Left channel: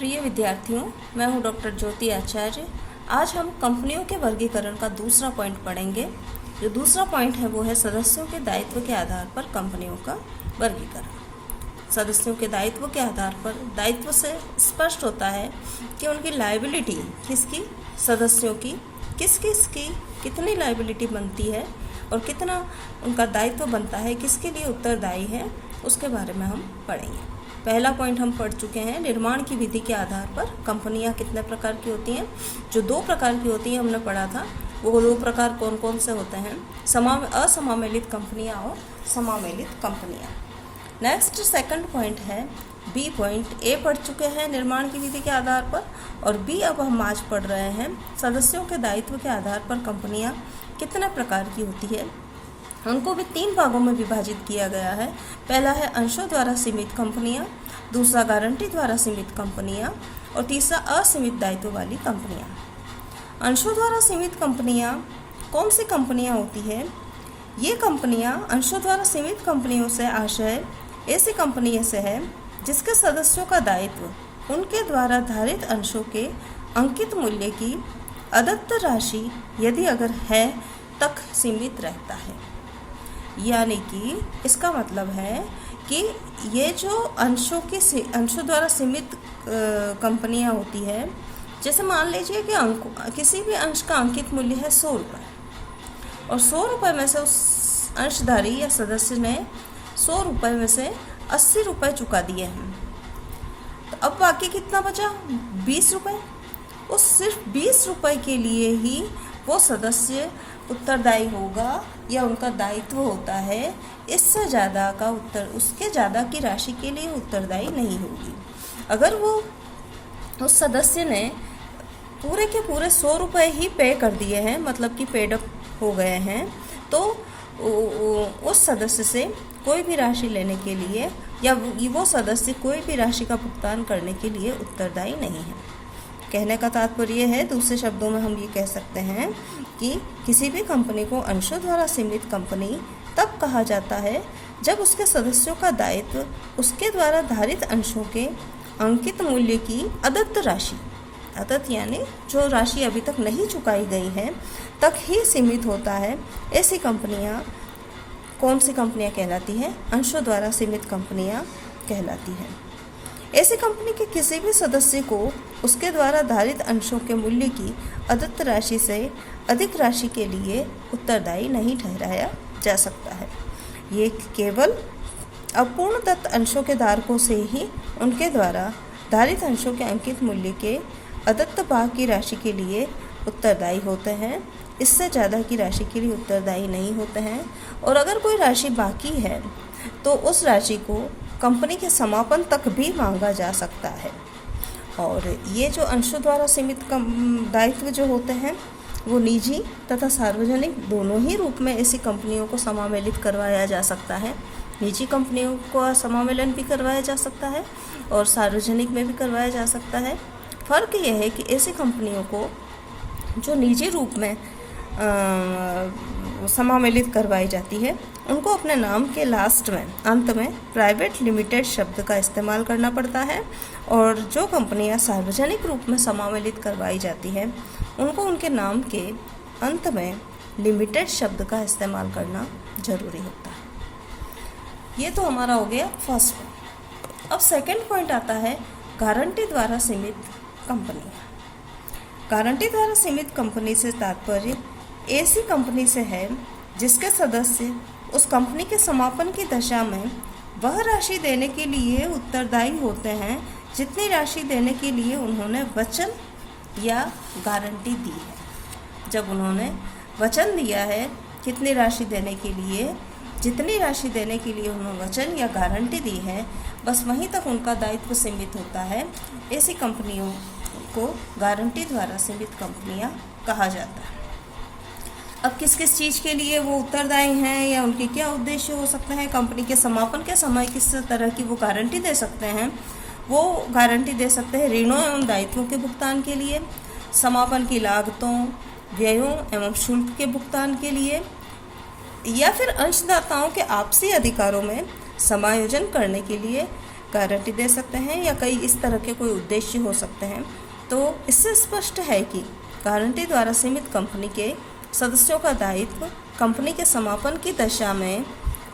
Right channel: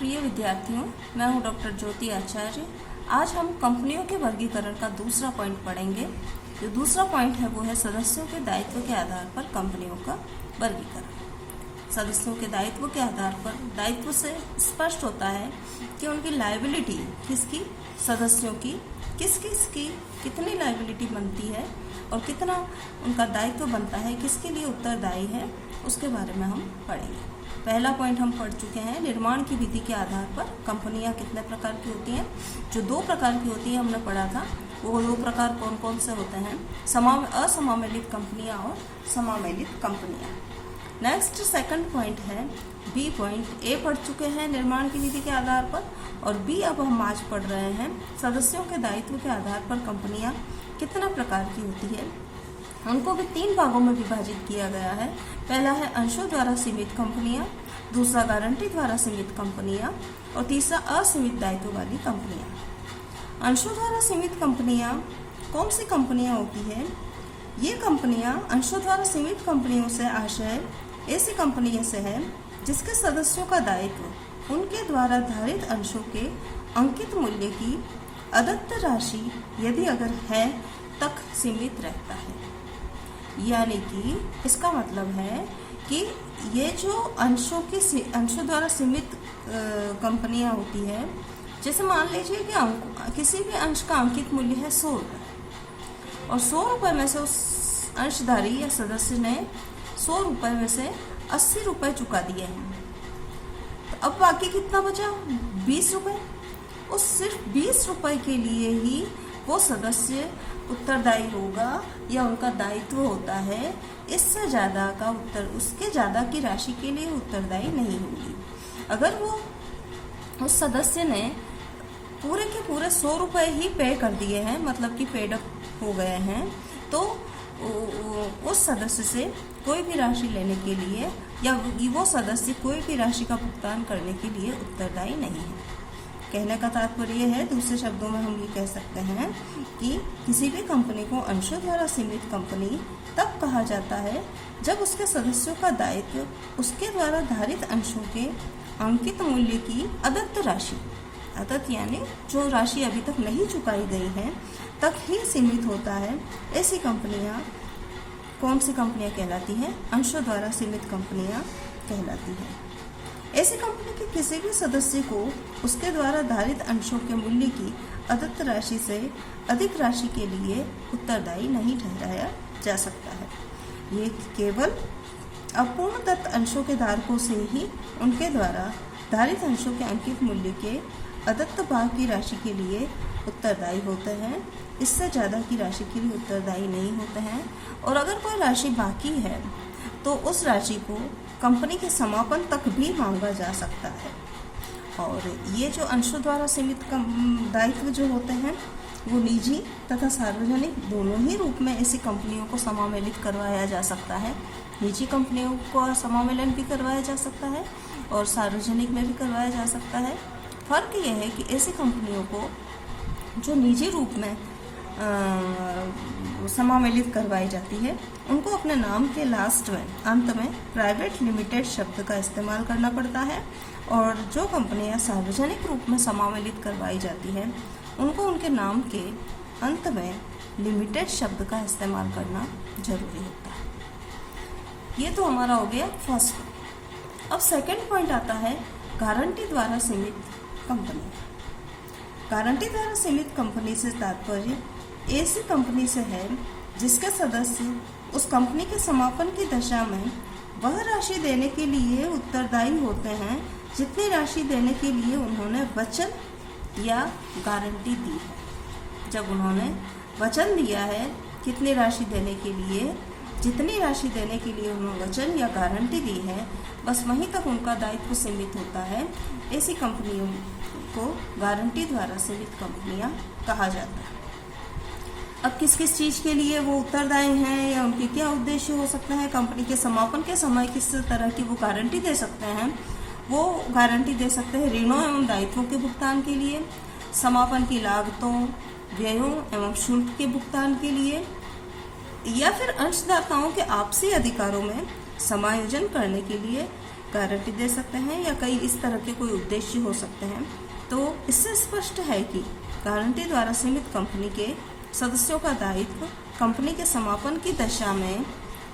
प्रिय विद्यार्थियों, मैं हूं डॉक्टर ज्योति आचार्य। आज हम कंपनियों के वर्गीकरण का दूसरा पॉइंट पढ़ेंगे। जो दूसरा पॉइंट है वो है सदस्यों के दायित्व के आधार पर कंपनियों का वर्गीकरण। सदस्यों के दायित्व के आधार पर दायित्व से स्पष्ट होता है कि उनकी लायबिलिटी किसकी, सदस्यों की किस किस की कितनी लायबिलिटी बनती है और कितना उनका दायित्व बनता है, किसके लिए उत्तरदायी है, उसके बारे में हम पढ़ेंगे। पहला पॉइंट हम पढ़ चुके हैं, निर्माण की विधि के आधार पर कंपनियां कितने प्रकार की होती हैं। जो 2 प्रकार की होती हैं हमने पढ़ा था, वो 2 प्रकार कौन कौन से होते हैं, असमामेलित कंपनियां और समामेलित कंपनियां। नेक्स्ट सेकंड पॉइंट है बी पॉइंट। ए पढ़ चुके हैं निर्माण की विधि के आधार पर, और बी अब हम आज पढ़ रहे हैं सदस्यों के दायित्व के आधार पर कंपनियां कितने प्रकार की होती है। उनको भी 3 भागों में विभाजित किया गया है। पहला है अंशों द्वारा सीमित कंपनियां, दूसरा गारंटी द्वारा सीमित कंपनियां और तीसरा असीमित दायित्व वाली कंपनियां। अंशों द्वारा सीमित कंपनियां कौन सी कंपनियां होती है? ये कंपनियां अंशों द्वारा सीमित कंपनियों से आशय ऐसी कंपनियों से है जिसके सदस्यों का दायित्व उनके द्वारा धारित अंशों के अंकित मूल्य की अदत्त राशि यदि अगर है तक सीमित रहता है। यानी कि इसका मतलब है कि ये जो अंशों द्वारा सीमित कंपनियां होती है, जैसे मान लीजिए कि किसी भी अंश का अंकित मूल्य है 100 रुपये और 100 रुपये में से उस अंशधारी या सदस्य ने 100 रुपये में से 80 रुपये चुका दिए हैं। तो अब बाकी कितना बचा? 20 रुपये। उस सिर्फ 20 रुपये के लिए ही वो सदस्य उत्तरदायी होगा या उनका दायित्व होता है। इससे ज़्यादा उसके ज़्यादा की राशि के लिए उत्तरदायी नहीं होगी। अगर वो उस सदस्य ने पूरे के पूरे 100 रुपये ही पे कर दिए हैं, मतलब कि पेड अप हो गए हैं, तो उस सदस्य से कोई भी राशि लेने के लिए या वो सदस्य कोई भी राशि का भुगतान करने के लिए उत्तरदायी नहीं है। कहने का तात्पर्य है, दूसरे शब्दों में हम ये कह सकते हैं कि किसी भी कंपनी को अंशों द्वारा सीमित कंपनी तब कहा जाता है जब उसके सदस्यों का दायित्व उसके द्वारा धारित अंशों के अंकित मूल्य की अदत्त राशि, अदत्त यानी जो राशि अभी तक नहीं चुकाई गई है, तक ही सीमित होता है। ऐसी कंपनियां कौन सी कंपनियां कहलाती हैं? अंशों द्वारा सीमित कंपनियां कहलाती हैं। ऐसी कंपनी के किसी भी सदस्य को उसके द्वारा धारित अंशों के मूल्य की अदत्त राशि से अधिक राशि के लिए उत्तरदायी नहीं ठहराया जा सकता है। ये केवल अपूर्णदत्त अंशों के धारकों से ही उनके द्वारा धारित अंशों के अंकित मूल्य के अदत्त भाग की राशि के लिए उत्तरदायी होते हैं। इससे ज़्यादा की राशि के लिए उत्तरदायी नहीं होते हैं। और अगर कोई राशि बाकी है तो उस राशि को कंपनी के समापन तक भी मांगा जा सकता है। और ये जो अंशों द्वारा सीमित दायित्व जो होते हैं वो निजी तथा सार्वजनिक दोनों ही रूप में ऐसी कंपनियों को समामेलित करवाया जा सकता है। निजी कंपनियों को समामेलन भी करवाया जा सकता है और सार्वजनिक में भी करवाया जा सकता है। फ़र्क यह है कि ऐसी कंपनियों को जो निजी रूप में समामेलित करवाई जाती है, उनको अपने नाम के अंत में प्राइवेट लिमिटेड शब्द का इस्तेमाल करना पड़ता है। और जो कंपनियां सार्वजनिक रूप में समामेलित करवाई जाती है, उनको उनके नाम के अंत में लिमिटेड शब्द का इस्तेमाल करना जरूरी होता है। ये तो हमारा हो गया फर्स्ट पॉइंट। अब सेकंड पॉइंट आता है गारंटी द्वारा सीमित कंपनी। गारंटी द्वारा सीमित कंपनी से तात्पर्य ऐसी कंपनी से है जिसके सदस्य उस कंपनी के समापन की दशा में वह राशि देने के लिए उत्तरदायी होते हैं जितनी राशि देने के लिए उन्होंने वचन या गारंटी दी है। जब उन्होंने वचन दिया है कितनी राशि देने के लिए, जितनी राशि देने के लिए उन्होंने वचन या गारंटी दी है, बस वहीं तक उनका दायित्व सीमित होता है। ऐसी कंपनियों को गारंटी द्वारा सीमित कंपनियां कहा जाता है। अब किस किस चीज़ के लिए वो उत्तरदायी हैं या उनके क्या उद्देश्य हो सकते हैं, कंपनी के समापन के समय किस तरह की वो गारंटी दे सकते हैं? वो गारंटी दे सकते हैं ऋणों एवं दायित्वों के भुगतान के लिए, समापन की लागतों, व्ययों एवं शुल्क के भुगतान के लिए, या फिर अंशदाताओं के आपसी अधिकारों में समायोजन करने के लिए, गारंटी दे सकते हैं या कई इस तरह के कोई उद्देश्य हो सकते हैं। तो इससे स्पष्ट है कि गारंटी द्वारा सीमित कंपनी के सदस्यों का दायित्व कंपनी के समापन की दशा में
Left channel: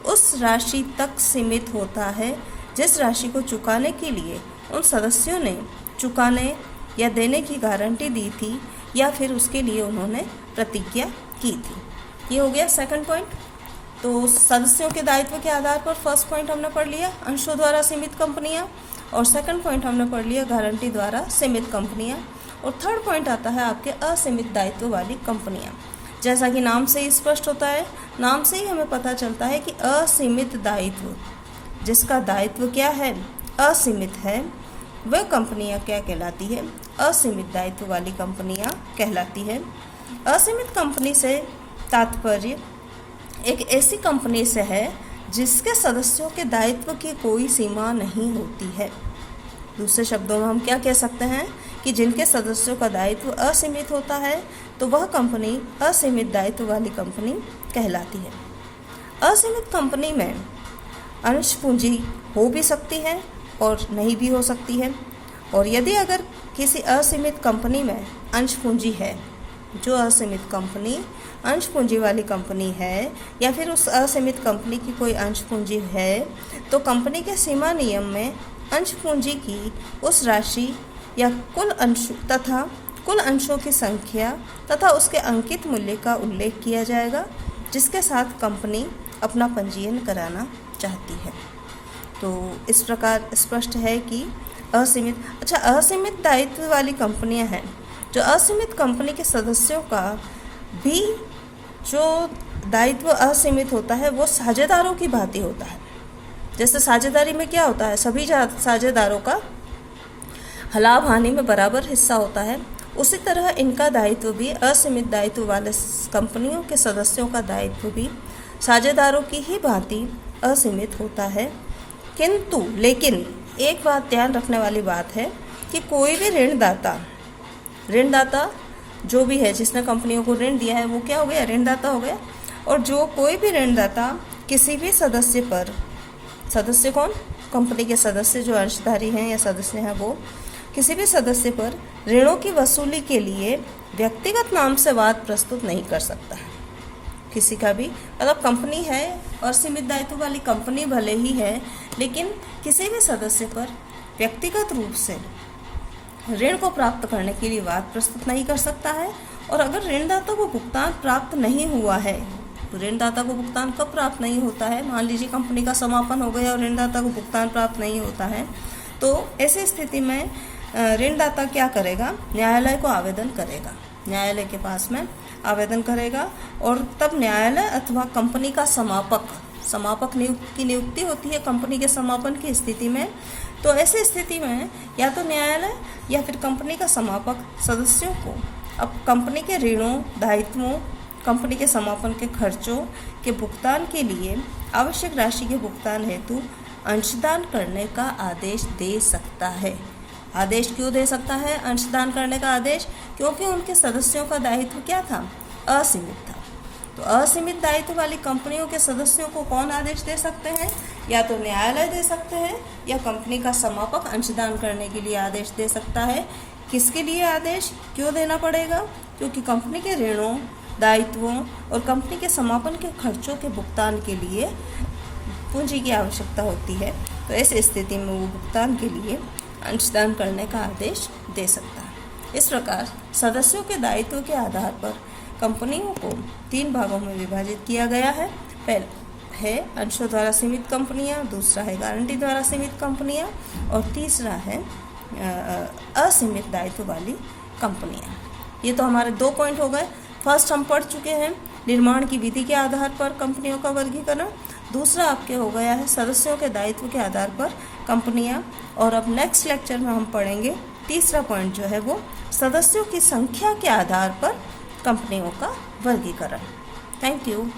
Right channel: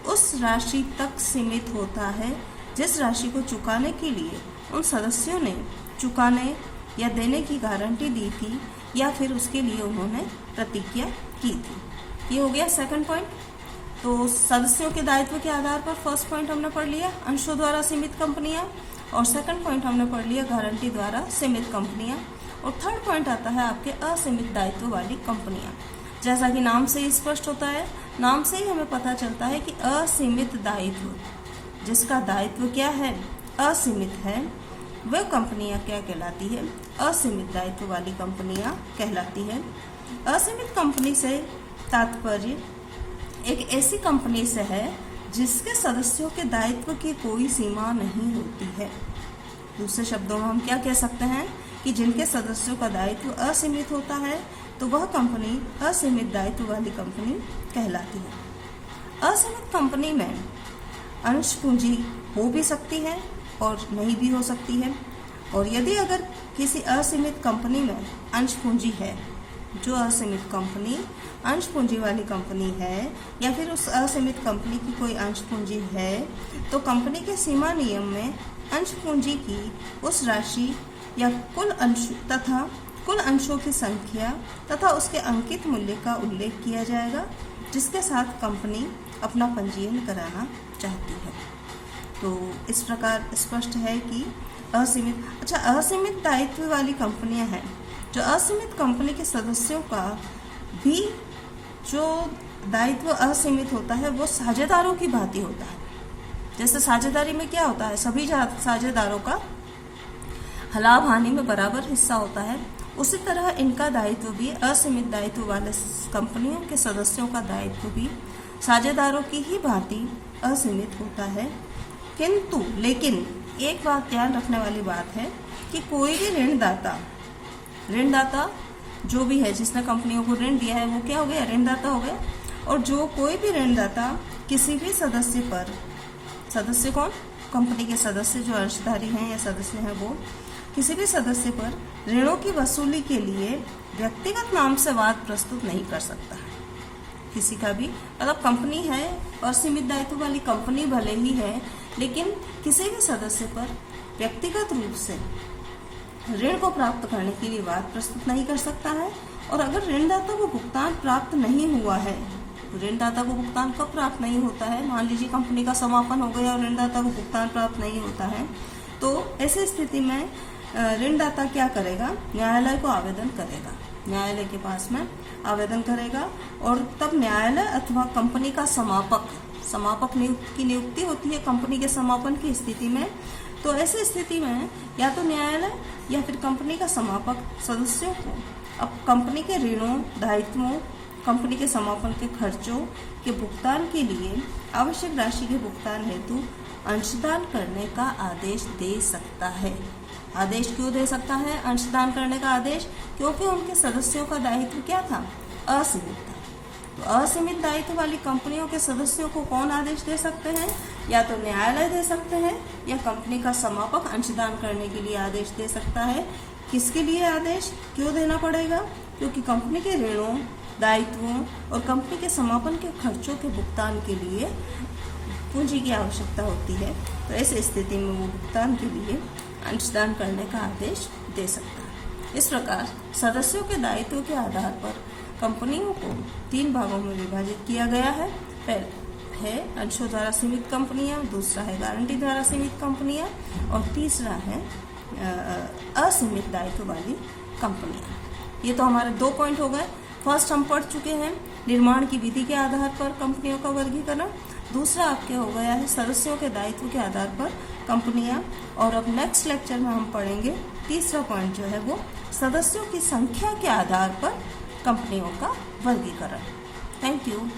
उस राशि तक सीमित होता है जिस राशि को चुकाने के लिए उन सदस्यों ने चुकाने या देने की गारंटी दी थी या फिर उसके लिए उन्होंने प्रतिज्ञा की थी। ये हो गया सेकंड पॉइंट। तो सदस्यों के दायित्व के आधार पर फर्स्ट पॉइंट हमने पढ़ लिया अंशों द्वारा सीमित कंपनियां, और सेकंड पॉइंट हमने पढ़ लिया गारंटी द्वारा सीमित कंपनियां, और थर्ड पॉइंट आता है आपके असीमित दायित्व वाली कंपनियां। जैसा कि नाम से ही स्पष्ट होता है, नाम से ही हमें पता चलता है कि असीमित दायित्व, जिसका दायित्व क्या है, असीमित है, वह कंपनियां क्या कहलाती है, असीमित दायित्व वाली कंपनियां कहलाती है। असीमित कंपनी से तात्पर्य एक ऐसी कंपनी से है जिसके सदस्यों के दायित्व की कोई सीमा नहीं होती है। दूसरे शब्दों में हम क्या कह सकते हैं कि जिनके सदस्यों का दायित्व असीमित होता है तो वह कंपनी असीमित दायित्व वाली कंपनी कहलाती है। असीमित कंपनी में अंश पूंजी हो भी सकती है और नहीं भी हो सकती है, और यदि अगर किसी असीमित कंपनी में अंश पूंजी है, जो असीमित कंपनी अंश पूंजी वाली कंपनी है या फिर उस असीमित कंपनी की कोई अंश पूंजी है, तो कंपनी के सीमा नियम में अंश पूंजी की उस राशि या कुल अंशों की संख्या तथा उसके अंकित मूल्य का उल्लेख किया जाएगा जिसके साथ कंपनी अपना पंजीयन कराना चाहती है। तो इस प्रकार स्पष्ट है कि असीमित दायित्व वाली कंपनियां हैं। जो असीमित कंपनी के सदस्यों का भी जो दायित्व असीमित होता है वो साझेदारों की भांति होता है। जैसे साझेदारी में क्या होता है, सभी साझेदारों का लाभ हानि में बराबर हिस्सा होता है, उसी तरह इनका दायित्व भी असीमित दायित्व वाले कंपनियों के सदस्यों का दायित्व भी साझेदारों की ही भांति असीमित होता है। लेकिन एक बात ध्यान रखने वाली बात है कि कोई भी ऋणदाता जो भी है जिसने कंपनियों को ऋण दिया है वो क्या हो गया, ऋणदाता हो गया। और जो कोई भी ऋणदाता किसी भी सदस्य पर, सदस्य कौन, कंपनी के सदस्य जो अंशधारी हैं या सदस्य हैं, वो किसी भी सदस्य पर ऋणों की वसूली के लिए व्यक्तिगत नाम से वाद प्रस्तुत नहीं कर सकता है। किसी का भी मतलब कंपनी है और सीमित दायित्व वाली कंपनी भले ही है, लेकिन किसी भी सदस्य पर व्यक्तिगत रूप से ऋण को प्राप्त करने के लिए वाद प्रस्तुत नहीं कर सकता है। और अगर ऋणदाता को भुगतान प्राप्त नहीं हुआ है, तो ऋणदाता को भुगतान कब प्राप्त नहीं होता है, मान लीजिए कंपनी का समापन हो गया और ऋणदाता को भुगतान प्राप्त नहीं होता है, तो ऐसी स्थिति में ऋणदाता क्या करेगा, न्यायालय को आवेदन करेगा, न्यायालय के पास में आवेदन करेगा। और तब न्यायालय अथवा कंपनी का समापक की नियुक्ति होती है कंपनी के समापन की स्थिति में। तो ऐसी स्थिति में या तो न्यायालय या फिर कंपनी का समापक सदस्यों को अब कंपनी के ऋणों, दायित्वों, कंपनी के समापन के खर्चों के भुगतान के लिए आवश्यक राशि के भुगतान हेतु अंशदान करने का आदेश दे सकता है। आदेश क्यों दे सकता है अंशदान करने का आदेश? क्योंकि उनके सदस्यों का दायित्व क्या था, असीमित था। तो असीमित दायित्व वाली कंपनियों के सदस्यों को कौन आदेश दे सकते हैं, या तो न्यायालय दे सकते हैं या कंपनी का समापक अंशदान करने के लिए आदेश दे सकता है। किसके लिए आदेश क्यों देना पड़ेगा? क्योंकि कंपनी के ऋणों, दायित्वों और कंपनी के समापन के खर्चों के भुगतान के लिए पूंजी की आवश्यकता होती है। तो ऐसी स्थिति में वो भुगतान के लिए अंशदान करने का आदेश दे सकता है। इस प्रकार सदस्यों के दायित्व के आधार पर कंपनियों को 3 भागों में विभाजित किया गया है। पहला है अंशों द्वारा सीमित कंपनियां, दूसरा है गारंटी द्वारा सीमित कंपनियां, और तीसरा है असीमित दायित्व वाली कंपनियां। ये तो हमारे 2 पॉइंट हो गए। फर्स्ट हम पढ़ चुके हैं निर्माण की विधि के आधार पर कंपनियों का वर्गीकरण, दूसरा आपके हो गया है सदस्यों के दायित्व के आधार पर कंपनियां, और अब नेक्स्ट लेक्चर में हम पढ़ेंगे तीसरा पॉइंट जो है वो सदस्यों की संख्या के आधार पर कंपनियों का वर्गीकरण। Thank you.